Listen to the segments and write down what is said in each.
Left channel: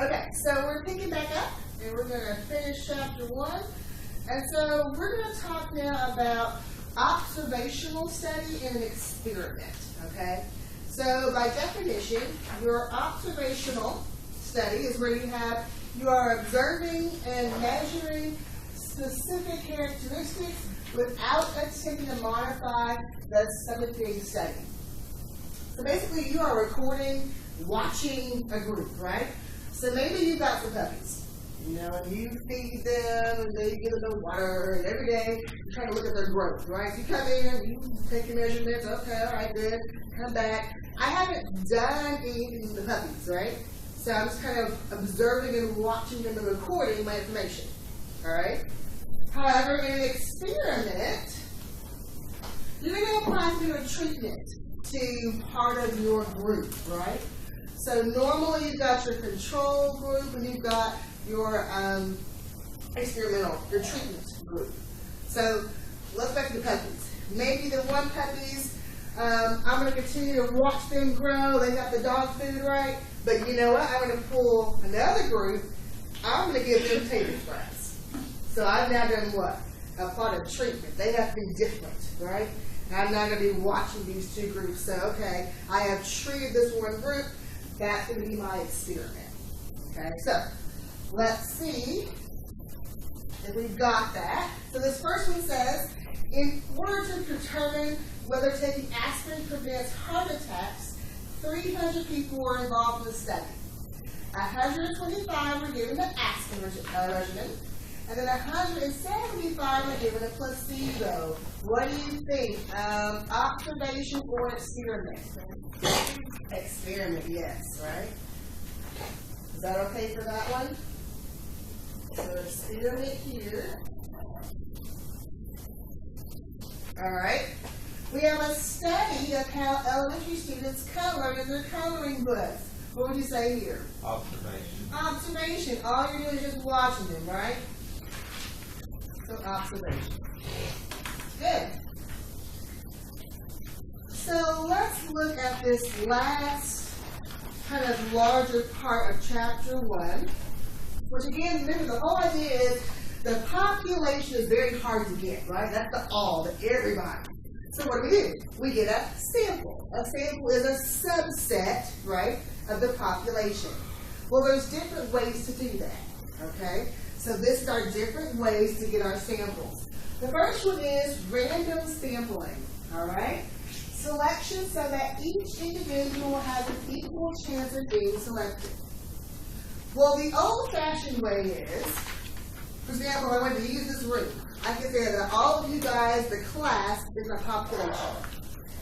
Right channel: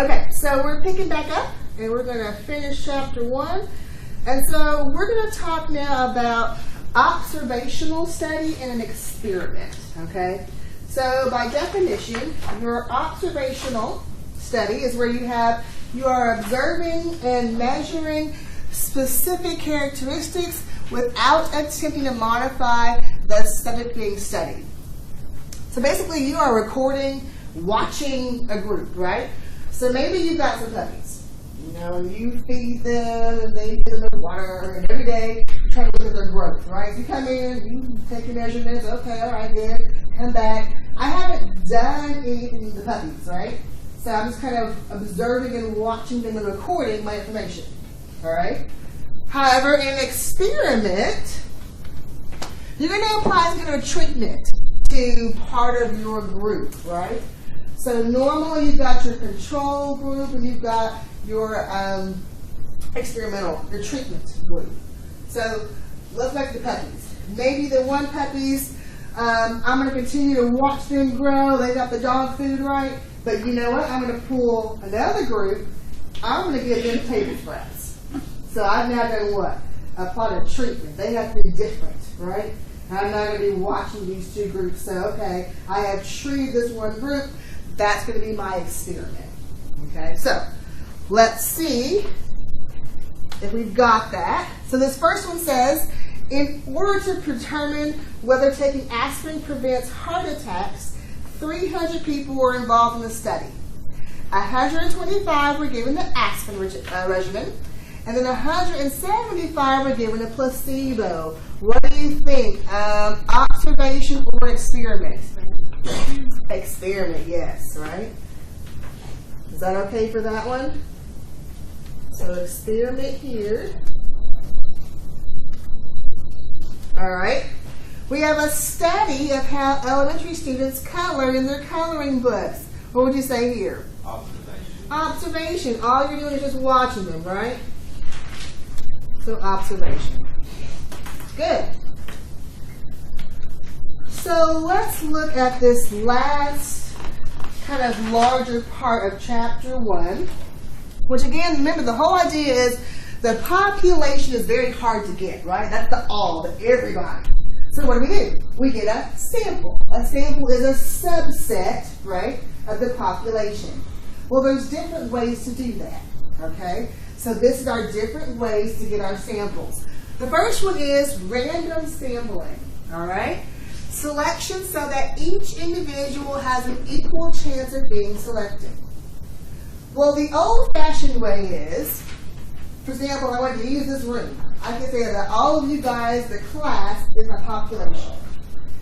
Okay, so we're picking back up and we're going to finish chapter 1. And so we're going to talk now about observational study and an experiment. Okay, so by definition, your observational study is where you are observing and measuring specific characteristics without attempting to modify the subject being studied. So basically, you are recording, watching a group, right? So maybe you've got some puppies, and you feed them, and they give them water, and every day you try to look at their growth, right? You come in, you take your measurements, okay, all right, good, come back. I haven't done anything with the puppies, right? So I'm just kind of observing and watching them and recording my information, all right? However, in an experiment, you're going to apply some kind of treatment to part of your group, right? So normally you've got your control group and you've got your your treatment group. So let's back to the puppies. Maybe the one puppies, I'm going to continue to watch them grow. They got the dog food right. But you know what? I'm going to pull another group. I'm going to give them paper sprays. So I've now done what? Applied a treatment. They have to be different, right? I'm not going to be watching these two groups. So, okay, I have treated this one group. That's going to be my experiment. Okay, so let's see if we've got that. So this first one says, in order to determine whether taking aspirin prevents heart attacks, 300 people were involved in the study. 125 were given the aspirin regimen, and then 175 were given a placebo. What do you think? Observation or experiment? Experiment, yes, right? Is that okay for that one? So experiment here. All right. We have a study of how elementary students color in their coloring books. What would you say here? Observation. Observation. All you're doing is just watching them, right? So observation. Good. So let's look at this last kind of larger part of chapter 1, which again, remember the whole idea is the population is very hard to get, right? That's the everybody. So what do? We get a sample. A sample is a subset, right, of the population. Well, there's different ways to do that, okay? So this is our different ways to get our samples. The first one is random sampling, all right? Selection so that each individual has an equal chance of being selected. Well, the old-fashioned way is, for example, I want to use this room. I can say that all of you guys, the class, is a population.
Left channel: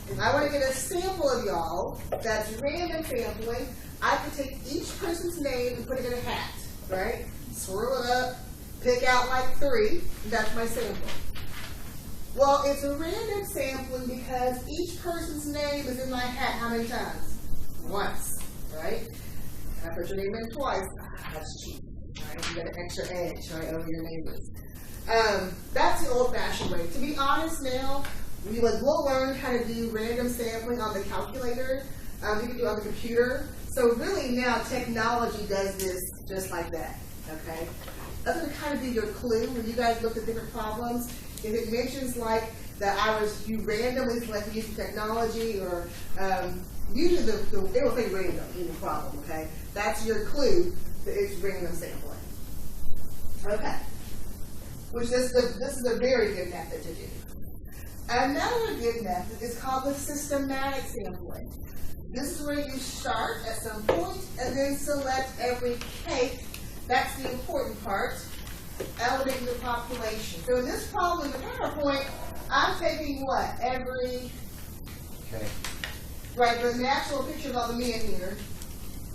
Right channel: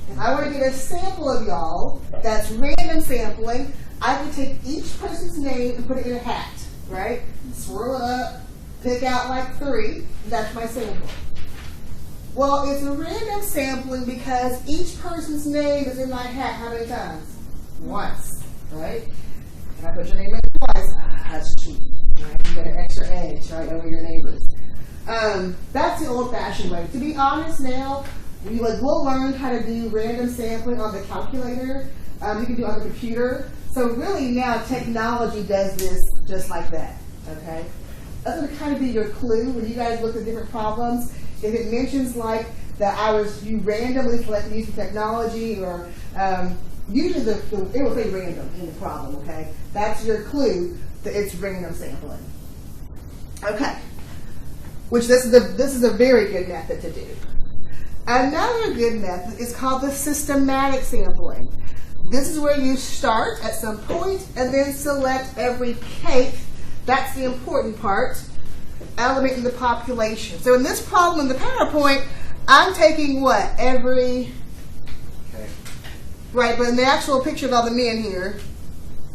If I want to get a sample of y'all, that's random sampling, I can take each person's name and put it in a hat, right? Swirl it up, pick out like 3, that's my sample. Well, it's a random sampling because each person's name is in my hat how many times? Once, right? If I put your name in twice, that's cheap, right? You get an extra edge, right, over your neighbors. That's the old-fashioned way. To be honest now, we'll learn how to do random sampling on the calculator. You can do it on the computer. So really now technology does this just like that, okay? That's going to kind of be your clue when you guys look at different problems. If it mentions like that you randomly selected using technology or usually it will say random in the problem, okay? That's your clue that it's random sampling. Okay. Which this is a very good method to do. Another good method is called the systematic sampling. This is where you start at some point and then select every cake. That's the important part. Element in the population. So in this problem in the PowerPoint, I'm taking what? Every cake. Right, but in the actual picture of all the men here,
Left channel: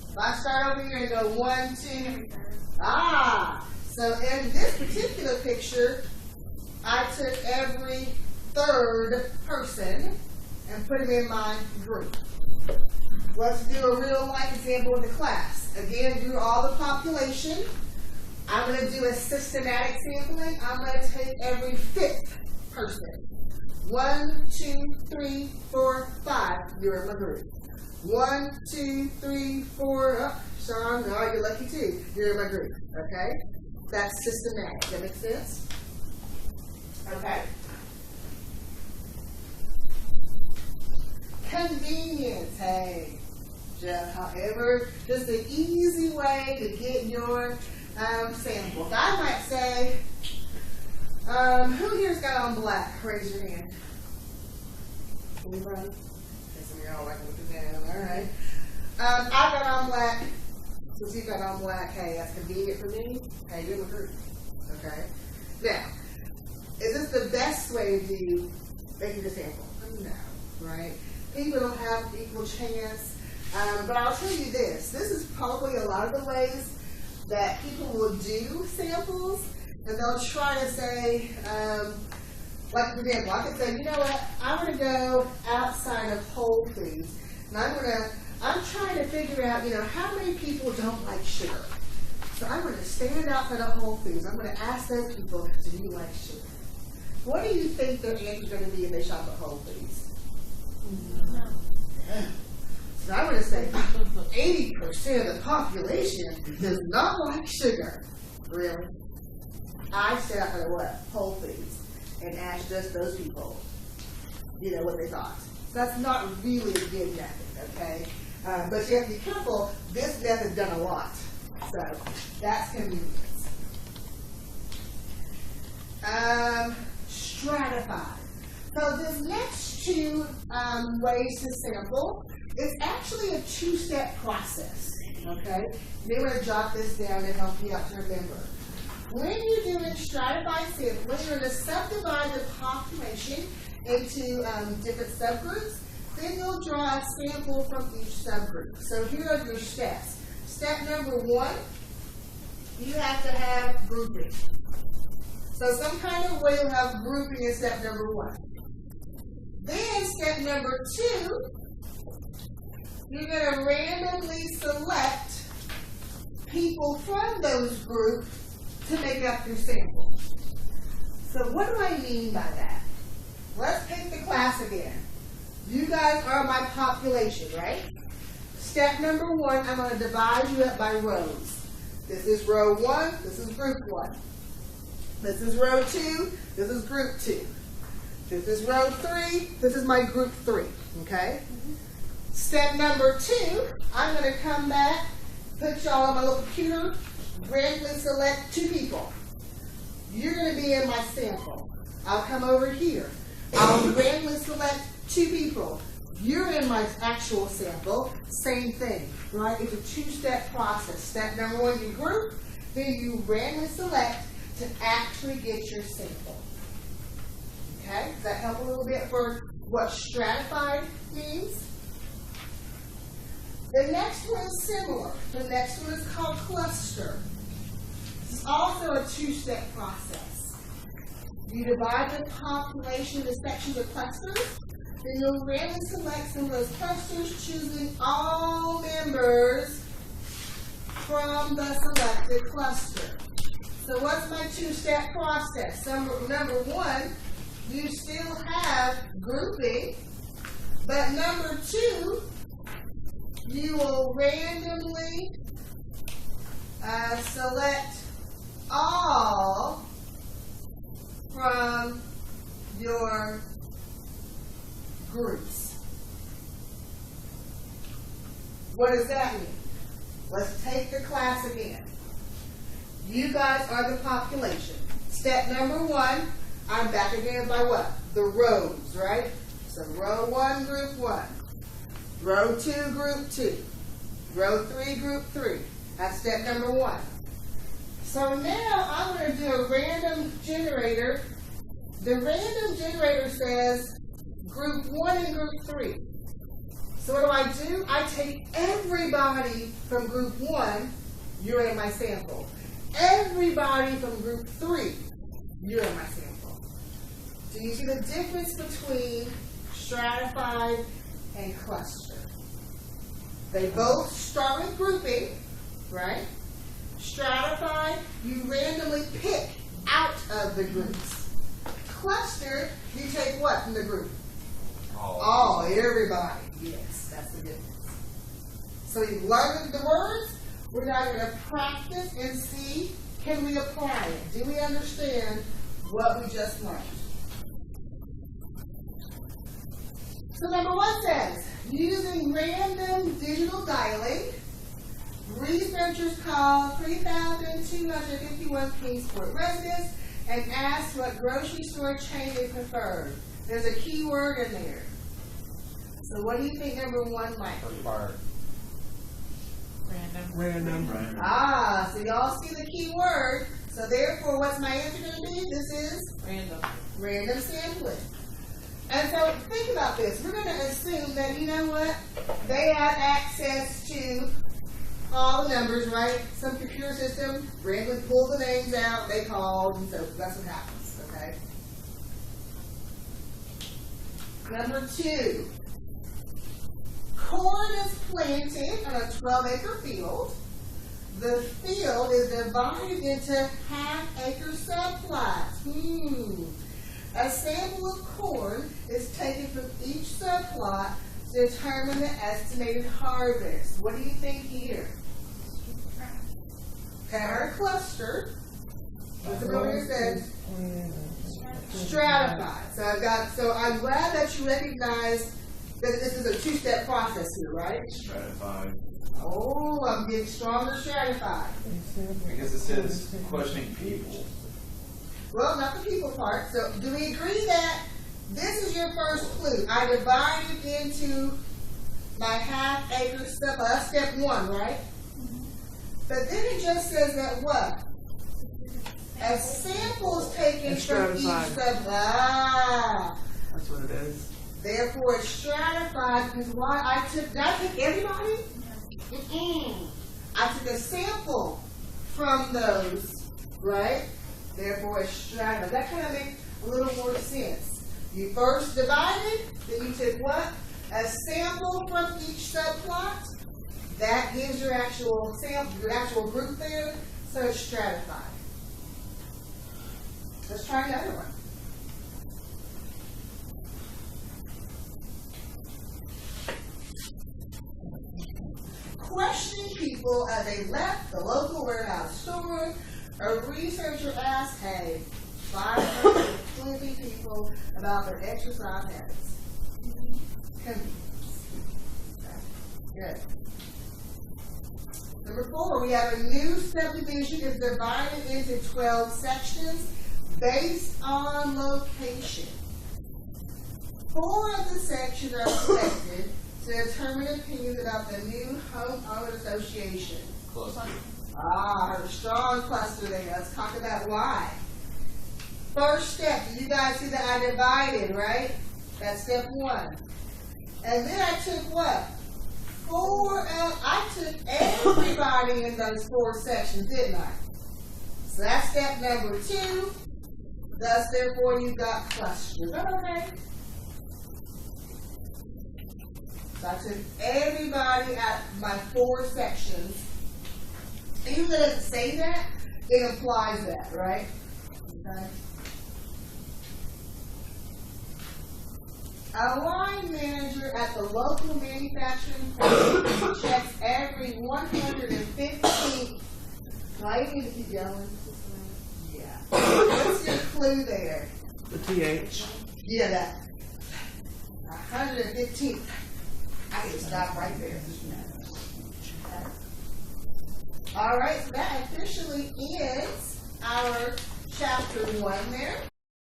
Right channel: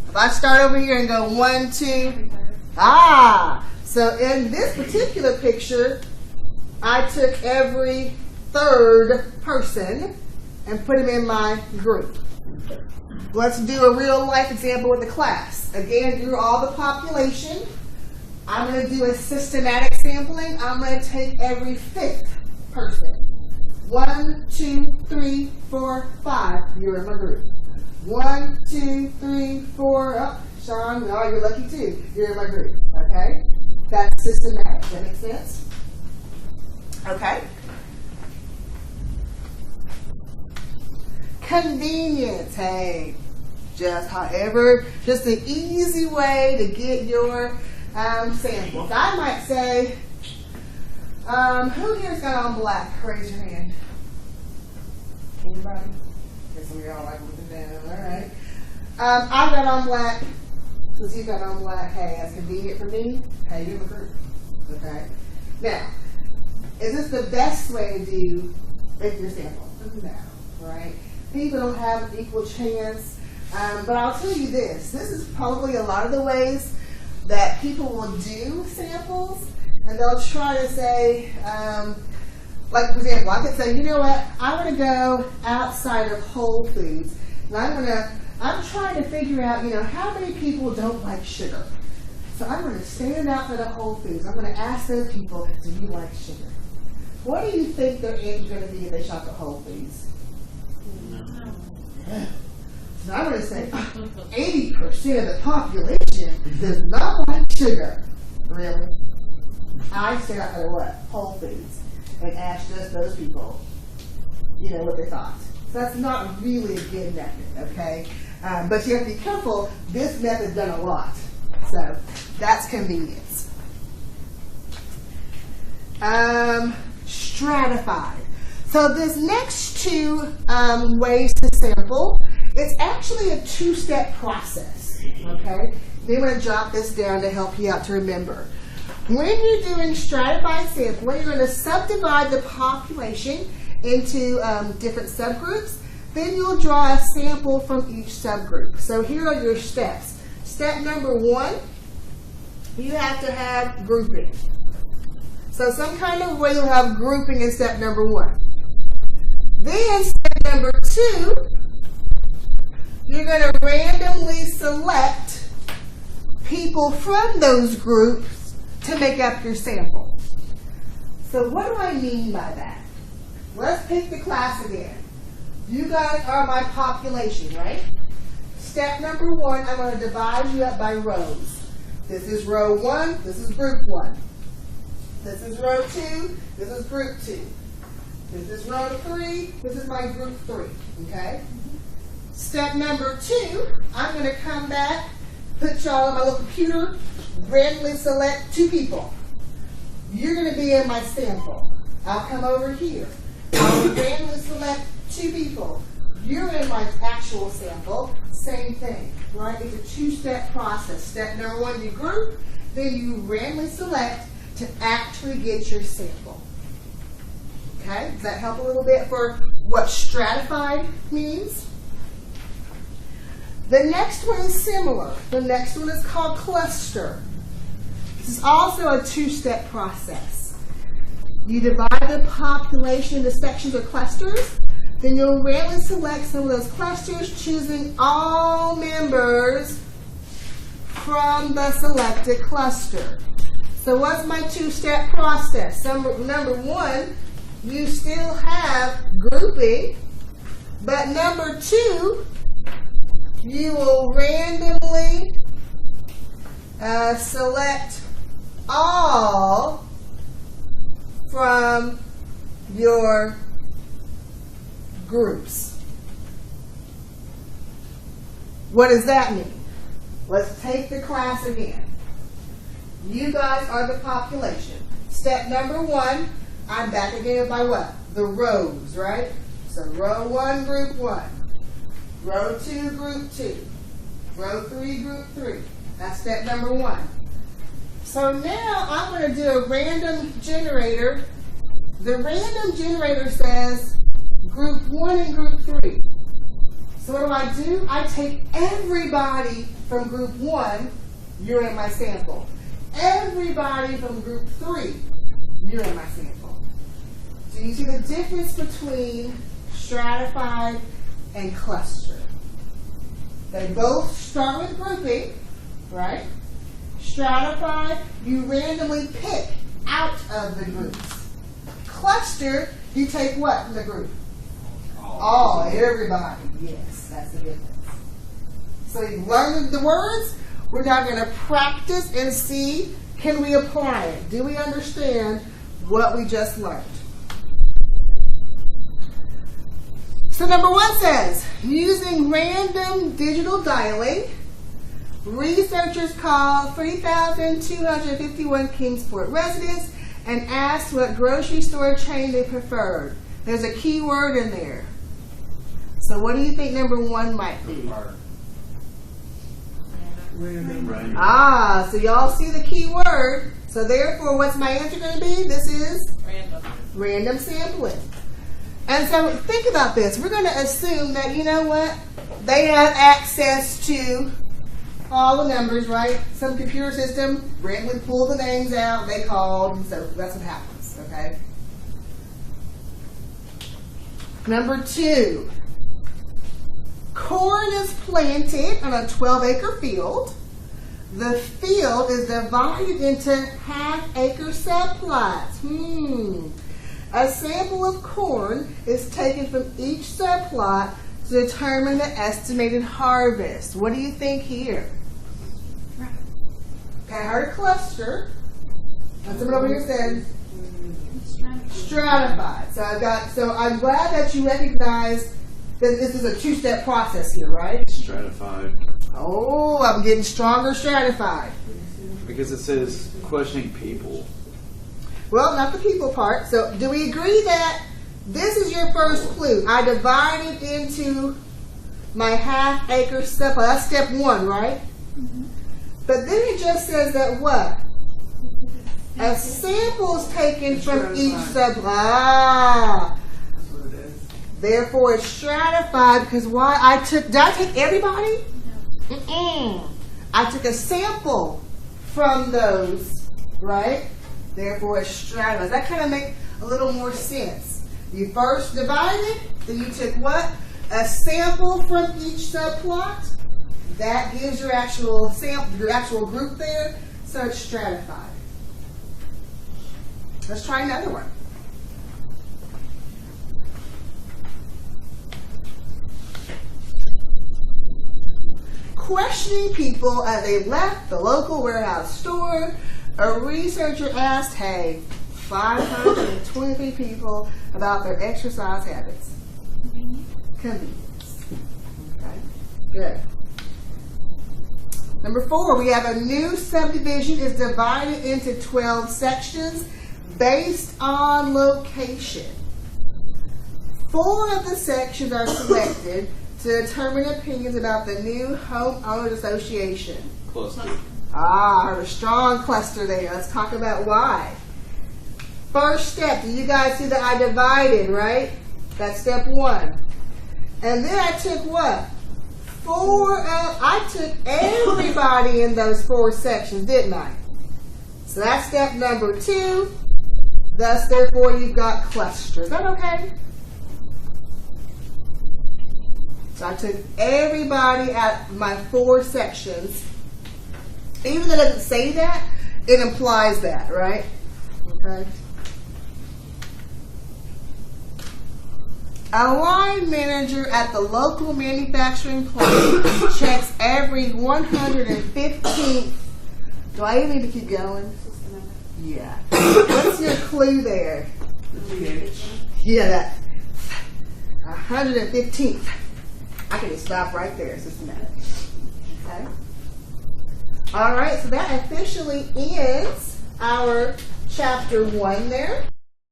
if I start over here and go 1, 2, so in this particular picture, I took every 3rd person and put him in my group. Let's do a real life example with the class. Again, do all the population. I'm going to do a systematic sampling. I'm going to take every 5th person. 1, 2, 3, 4, 5. You're in my group. 1, 2, 3, 4. Sean, you're lucky too. You're in my group, okay? That's systematic. Does that make sense? Okay. Convenience. Hey, just an easy way to get your samples. I might say, who here's got on black? Raise your hand. Anybody? Okay, some of y'all like to look it down. All right. I've got on black. Since you've got on black, hey, that's convenient for me. Hey, you're a group. Okay. Now, is this the best way to do your sample? No, right? People don't have equal chance. But I'll tell you this. This is probably a lot of the ways that people will do samples, and they'll try to say, like for example, I could say, you know what, I'm going to go outside of Whole Foods, and I'm trying to figure out, how many people don't like sugar. So I'm going to stand outside of Whole Foods. I'm going to ask those people, do you like sugar? What do you think their answer is going to be if they shop at Whole Foods? No. Yeah. So I'm going to say 80% of the population does not like sugar. Really? I stand outside of what? Whole Foods. And ask just those people, what they thought. So that's not really a good method, okay? But you have to be careful. This method's done a lot. So that's convenience. Stratified. So this next two ways to sample, it's actually a two-step process, okay? You want to jot this down to help you out to remember. When you're doing stratified sampling, you're going to subdivide the population into different subgroups. Then you'll draw a sample from each subgroup. So here are your steps. Step number 1, you have to have grouping. So some kind of way you'll have grouping in step number 1. Then step number 2, you're going to randomly select people from those groups to make up your sample. So what do I mean by that? Let's pick the class again. You guys are my population, right? Step number 1, I'm going to divide you up by rows. This is row 1, this is group 1. This is row 2, this is group 2. This is row 3, this is my group 3, okay? Step number 2, I'm going to come back, put y'all on my little computer, randomly select 2 people. You're going to be in my sample. I'll come over here. I'll randomly select 2 people. You're in my actual sample. Same thing, right? It's a two-step process. Step number 1, you group. Then you randomly select to actually get your sample. Okay? Does that help a little bit for what stratified means? The next one is similar. The next one is called cluster. This is also a two-step process. You divide the population into sections or clusters. Then you'll randomly select some of those clusters, choosing all members from the selected cluster. So what's my two-step process? Number 1, you still have grouping, but number 2, you will randomly select all from your groups. What does that mean? Let's take the class again. You guys are the population. Step number 1, I'm back again by what? The rows, right? So row 1, group 1. Row 2, group 2. Row 3, group 3. That's step number 1. So now I'm going to do a random generator. The random generator says group 1 and group 3. So what do? I take everybody from group 1, you're in my sample. Everybody from group 3, you're in my sample. Do you see the difference between stratified and cluster? They both start with grouping, right? Stratified, you randomly pick out of the groups. Cluster, you take what from the group? All, everybody. Yes, that's the difference. So you've learned the words. We're now going to practice and see, can we apply it? Do we understand what we just learned? So number 1 says, using random digital dialing, researchers called 3,251 Kingsport residents and asked what grocery store chain they preferred. There's a key word in there. So what do you think number 1 might be? Random. Ah, so y'all see the key word. So therefore, what's my answer going to be? This is random sampling. And so think about this. We're going to assume that, you know what? They have access to all the numbers, right? Some computer system randomly pulled the names out. They called. So that's what happens, okay? Number 2. Corn is planted on a 12-acre field. The field is divided into half-acre subplots. A sample of corn is taken from each subplot to determine the estimated harvest. What do you think here? I heard a cluster. And someone over here said stratified. So I'm glad that you recognize that this is a 2-step process here, right? Stratified. Oh, I'm getting stronger stratified. Because it says questioning people. Well, not the people part. So do we agree that this is your first clue? I divided into my half-acre subplot. That's step 1, right? But then it just says that what? A sample is taken from each subplot. That's what it is. Therefore, it's stratified because why? Did I take everybody? No. I took a sample from those, right? Therefore, it's stratified. That kind of makes a little more sense. You first divided, then you took what? A sample from each subplot. That gives your actual sample, your actual group there, so it's stratified. Let's try another one. Questioning people as they left the local warehouse store, a researcher asked, 523 people about their exercise habits. Convenience. Okay, good. Number 4, we have a new subdivision is divided into 12 sections based on location. 4 of the sections are selected to determine opinions about the new homeowners association. Cluster. I heard a strong cluster there. Let's talk about why. First step, do you guys see that I divided, right? That's step 1. And then I took what? I took everybody in those 4 sections, didn't I? So that's step number 2. Thus, therefore, you've got cluster. Is that okay? So I took everybody at my 4 sections. Even though it doesn't say that, it implies that, right? Okay. A line manager at the local manufacturing plant checks every 115th. Do I even need to keep going? Yeah. What's your clue there? The pH. Yeah, that 115th. I can just stop right there. Okay. All right, so that officially ends our chapter 1 there.